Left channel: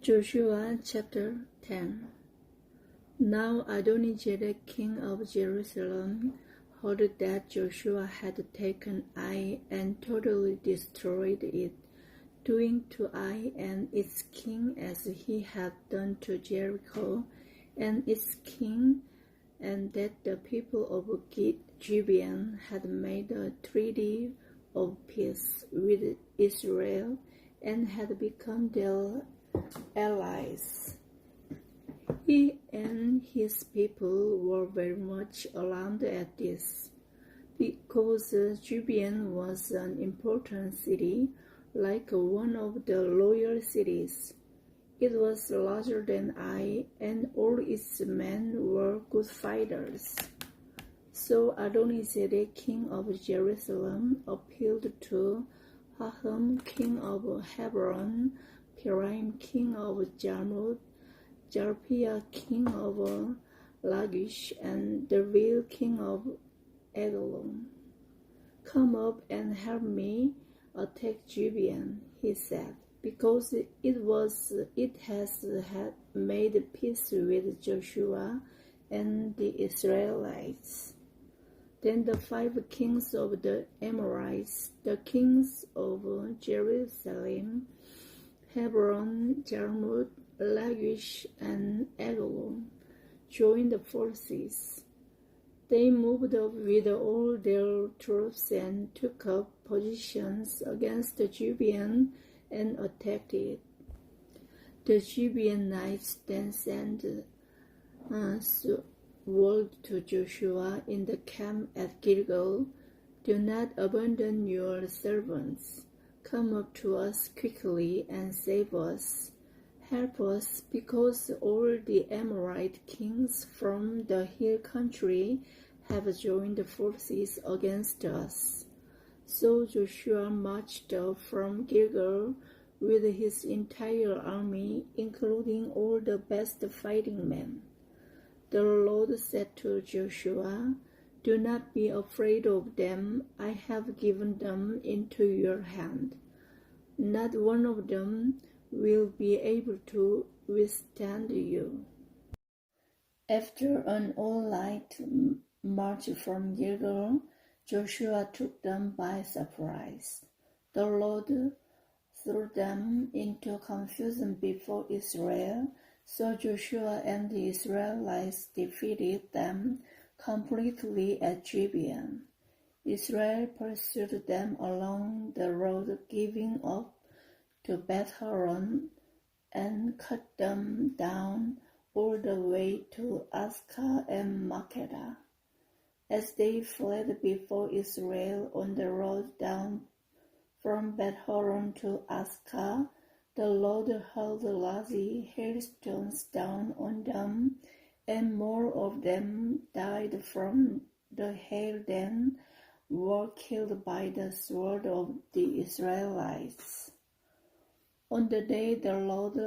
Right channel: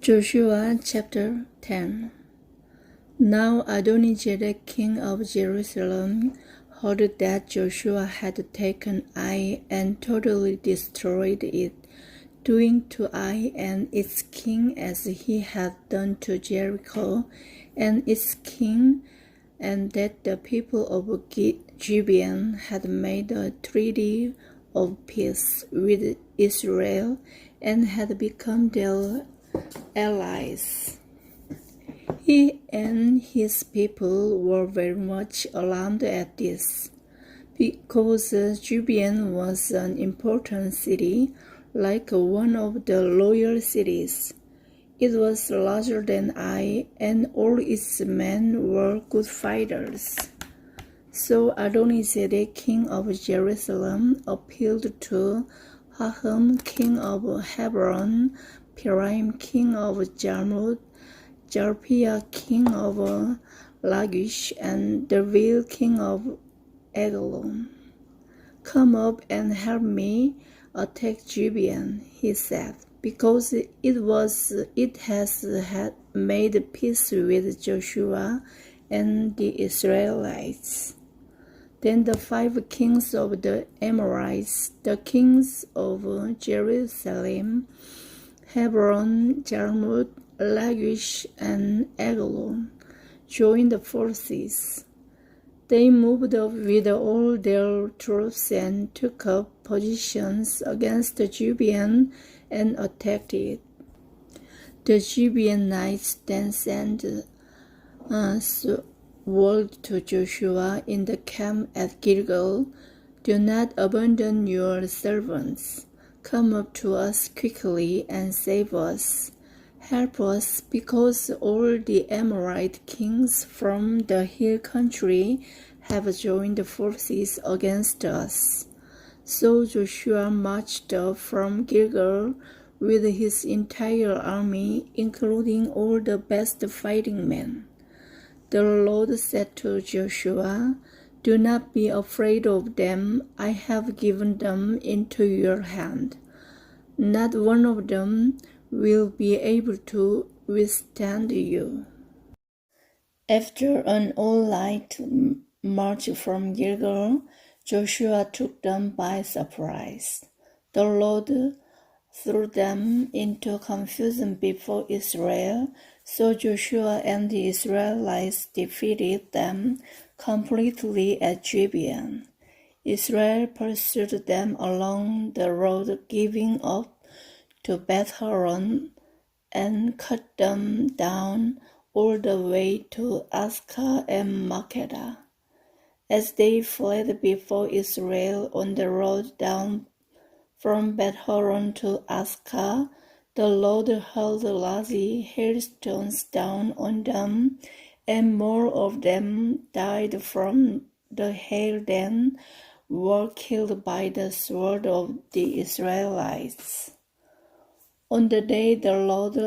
Joshua chapter 10. Now Adonizedek king of Jerusalem heard that Joshua had taken Ai and totally destroyed it, doing to Ai and its king as he had done to Jericho and its king, and that the people of Gibeon had made a treaty of peace with Israel and had become their allies. He and his people were very much alarmed at this, because Gibeon was an important city, like one of the loyal cities. It was larger than Ai, and all its men were good fighters. So Adonizedek, king of Jerusalem, appealed to Haham, king of Hebron, Piraim, king of Jarmuth, Jalpiah, king of Lachish, and Davil, king of Eglon. Come up and help me attack Gibeon, he said, because it has had made peace with Joshua and the Israelites. Then the 5 kings of the Amorites, the kings of Jerusalem, Hebron, Jarmuth, Lachish, and Eglon, joined the forces. They moved up with all their troops and took up positions against Gibeon and attacked it. The Gibeonites then sent word to Joshua in the camp at Gilgal, "Do not abandon your servants. Come up to us quickly and save us. Help us, because all the Amorite kings from the hill country have joined forces against us." So Joshua marched up from Gilgal with his entire army, including all the best fighting men. The Lord said to Joshua, "Do not be afraid of them. I have given them into your hand. Not one of them will be able to withstand you." After an all-night march from Gilgal, Joshua took them by surprise. The Lord threw them into confusion before Israel, so Joshua and the Israelites defeated them completely at Gibeon. Israel pursued them along the road giving up to Beth-horon and cut them down all the way to Azekah and Makkedah. As they fled before Israel on the road down from Beth-horon to Azekah, the Lord hurled large hailstones down on them, and more of them died from the hail than were killed by the sword of the Israelites. On the day the Lord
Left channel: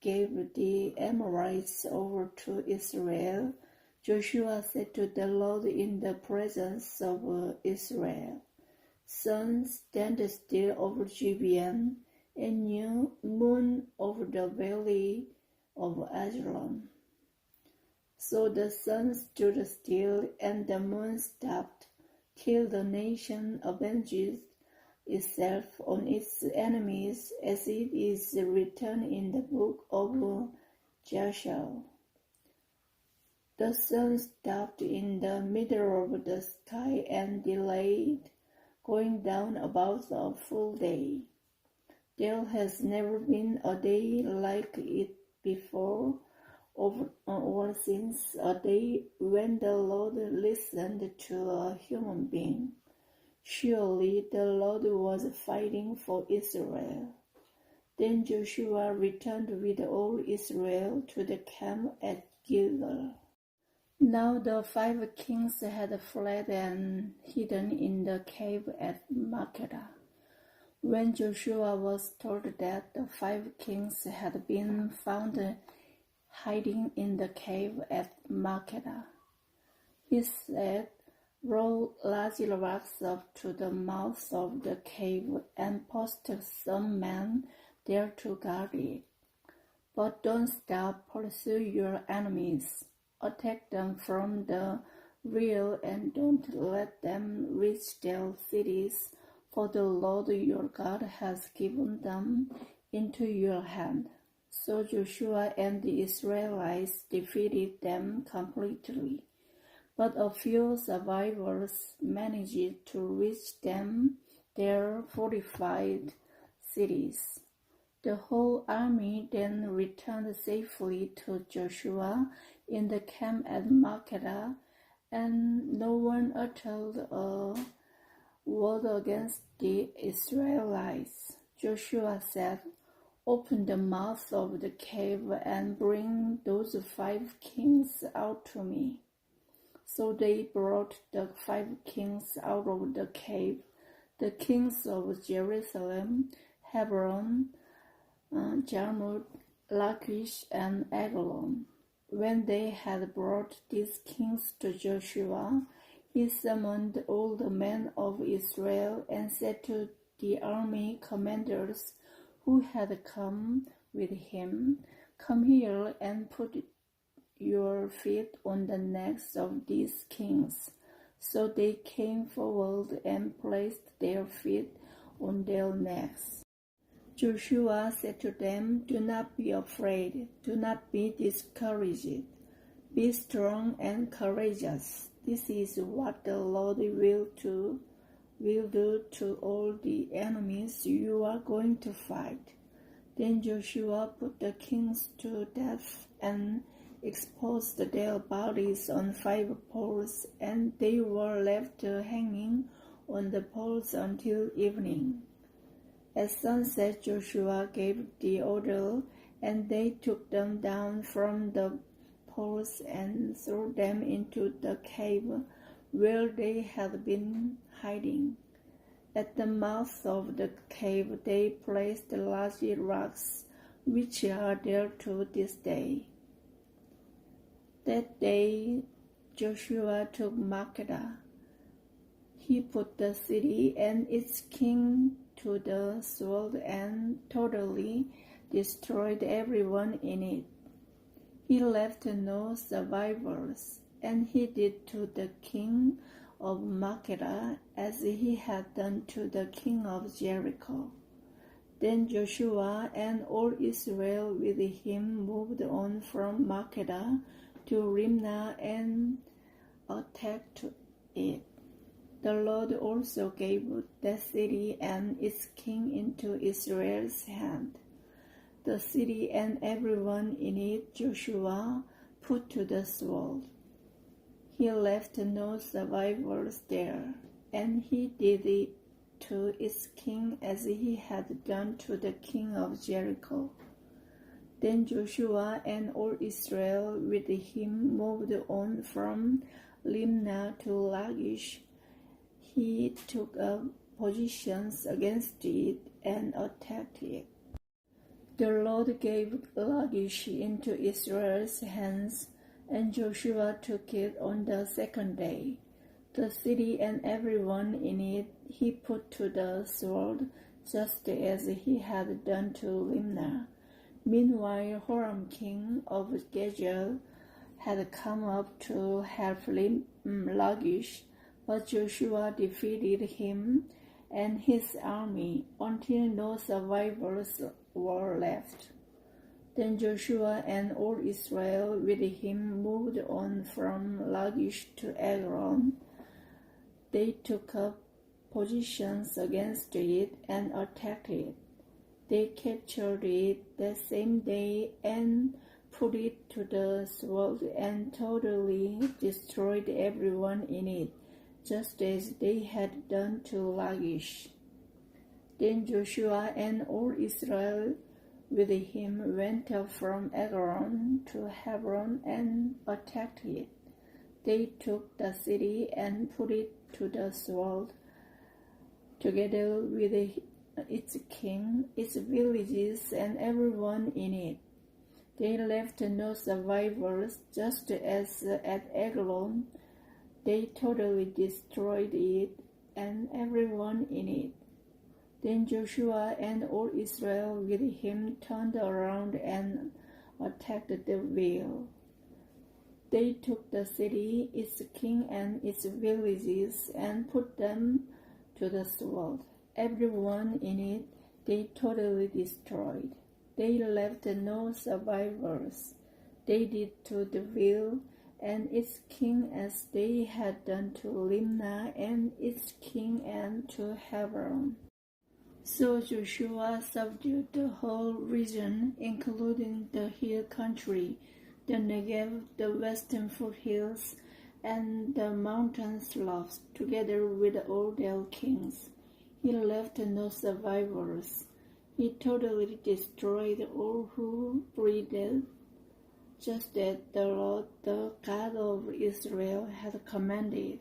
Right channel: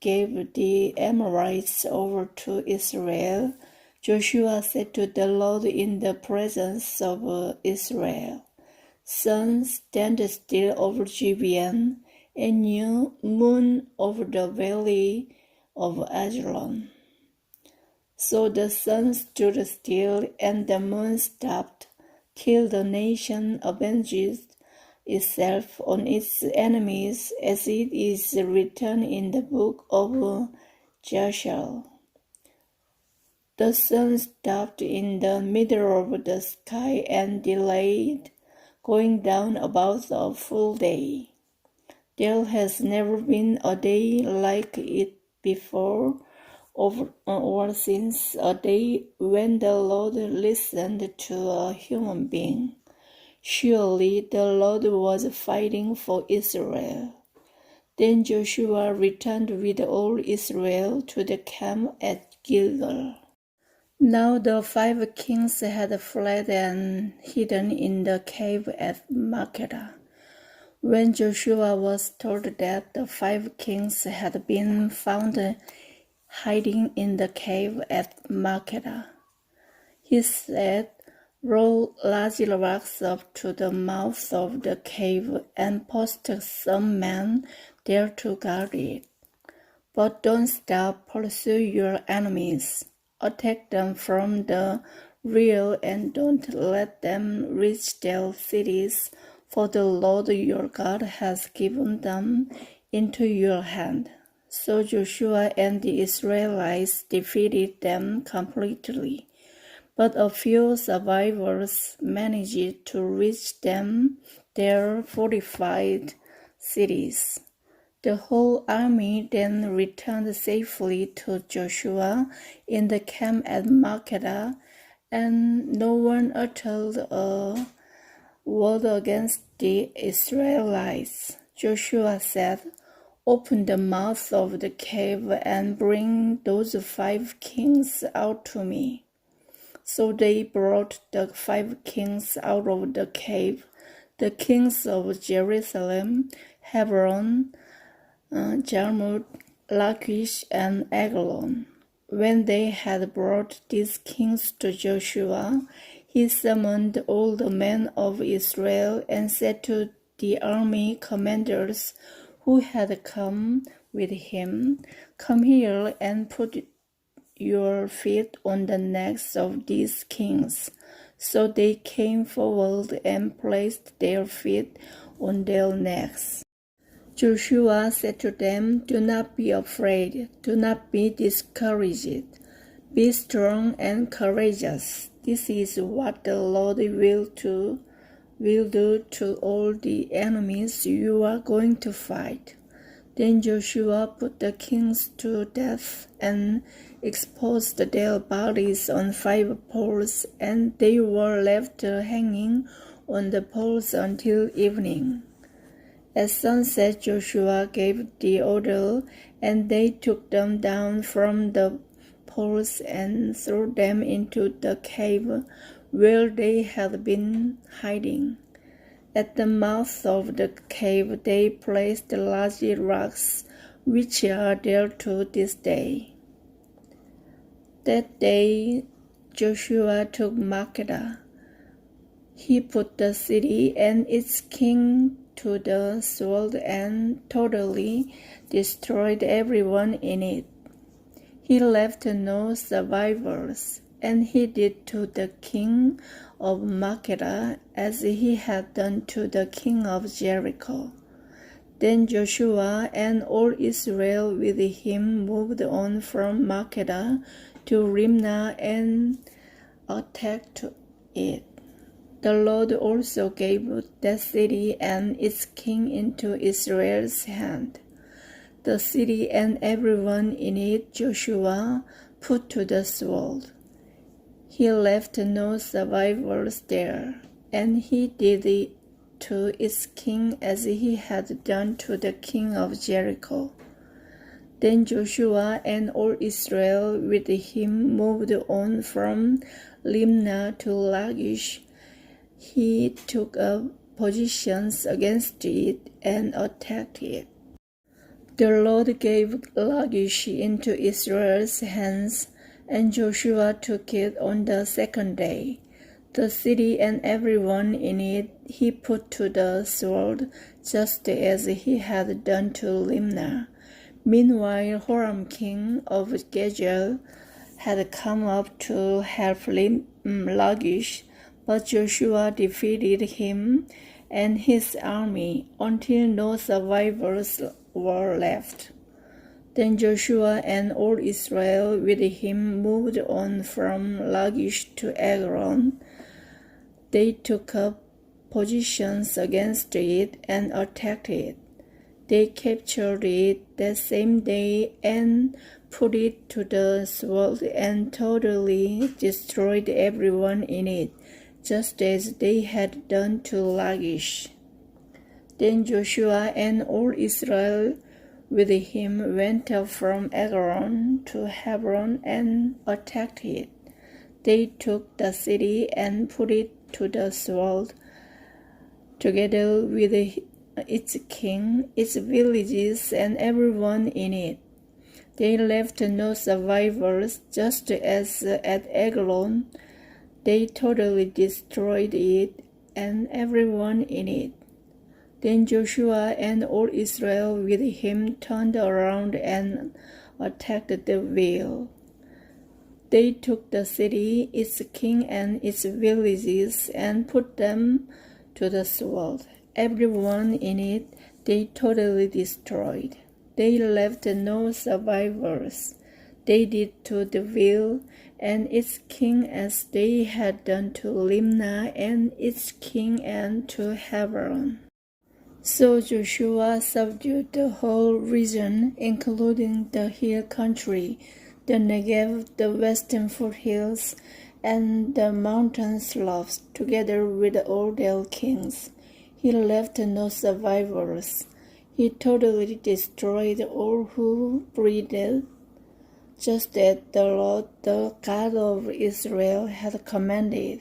gave the Amorites over to Israel, Joshua said to the Lord in the presence of Israel, "Sun, stand still over Gibeon, and you, moon, over the valley of Ajalon." So the sun stood still, and the moon stopped, till the nation avenged itself on its enemies, as it is written in the book of Joshua. The sun stopped in the middle of the sky and delayed going down about a full day. There has never been a day like it before or since, a day when the Lord listened to a human being. Surely the Lord was fighting for Israel. Then Joshua returned with all Israel to the camp at Gilgal. Now the 5 kings had fled and hidden in the cave at Makkedah. When Joshua was told that the 5 kings had been found hiding in the cave at Makkedah, he said, "Roll large rocks up to the mouth of the cave and post some men there to guard it." But don't stop, pursue your enemies. Attack them from the rear and don't let them reach their cities, for the Lord your God has given them into your hand. So Joshua and the Israelites defeated them completely. But a few survivors managed to reach their fortified cities. The whole army then returned safely to Joshua in the camp at Makkedah, and no one uttered a word against the Israelites. Joshua said, "Open the mouth of the cave and bring those 5 kings out to me." So they brought the 5 kings out of the cave, the kings of Jerusalem, Hebron, Jarmuth, Lachish, and Eglon. When they had brought these kings to Joshua, he summoned all the men of Israel and said to the army commanders who had come with him, "Come here and put your feet on the necks of these kings." So they came forward and placed their feet on their necks. Joshua said to them, "Do not be afraid, do not be discouraged. Be strong and courageous. This is what the Lord will do to all the enemies you are going to fight." Then Joshua put the kings to death and exposed their bodies on 5 poles, and they were left hanging on the poles until evening. At sunset, Joshua gave the order, and they took them down from the poles and threw them into the cave where they had been hiding. At the mouth of the cave they placed large rocks, which are there to this day. That day Joshua took Makkedah. He put the city and its king to the sword and totally destroyed everyone in it. He left no survivors, and he did to the king of Makkedah as he had done to the king of Jericho. Then Joshua and all Israel with him moved on from Makkedah to Rimnah and attacked it. The Lord also gave that city and its king into Israel's hand. The city and everyone in it Joshua put to the sword. He left no survivors there, and he did it to its king as he had done to the king of Jericho. Then Joshua and all Israel with him moved on from Limnah to Lachish. He took up positions against it and attacked it. The Lord gave Lachish into Israel's hands, and Joshua took it on the 2nd day. The city and everyone in it he put to the sword, just as he had done to Limnah. Meanwhile, Horam king of Gezal had come up to help Lachish, but Joshua defeated him and his army until no survivors were left. Then Joshua and all Israel with him moved on from Lachish to Eglon. They took up positions against it and attacked it. They captured it that same day and put it to the sword and totally destroyed everyone in it, just as they had done to Lachish. Then Joshua and all Israel with him went up from Eglon to Hebron and attacked it. They took the city and put it to the sword, together with its king, its villages, and everyone in it. They left no survivors, just as at Eglon. They totally destroyed it and everyone in it. Then Joshua and all Israel with him turned around and attacked the vale. They took the city, its king, and its villages, and put them to the sword. Everyone in it they totally destroyed. They left no survivors. They did to the vale and its king as they had done to Limnah and its king and to Hebron. So Joshua subdued the whole region, including the hill country, the Negev, the western foothills, and the mountain slopes, together with all their kings. He left no survivors. He totally destroyed all who breathed, just as the Lord, the God of Israel, had commanded.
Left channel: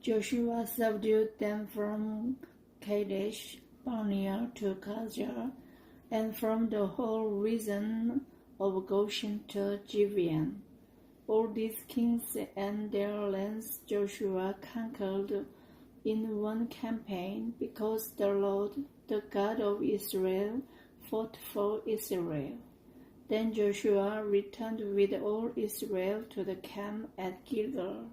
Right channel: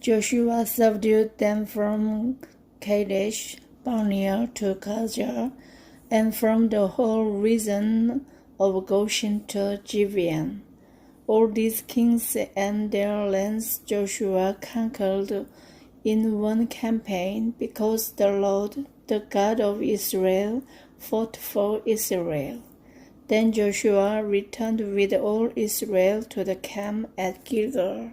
Joshua subdued them from Kadesh Barnea to Gaza, and from the whole region of Goshen to Gibeon. All these kings and their lands Joshua conquered in one campaign, because the Lord, the God of Israel, fought for Israel. Then Joshua returned with all Israel to the camp at Gilgal.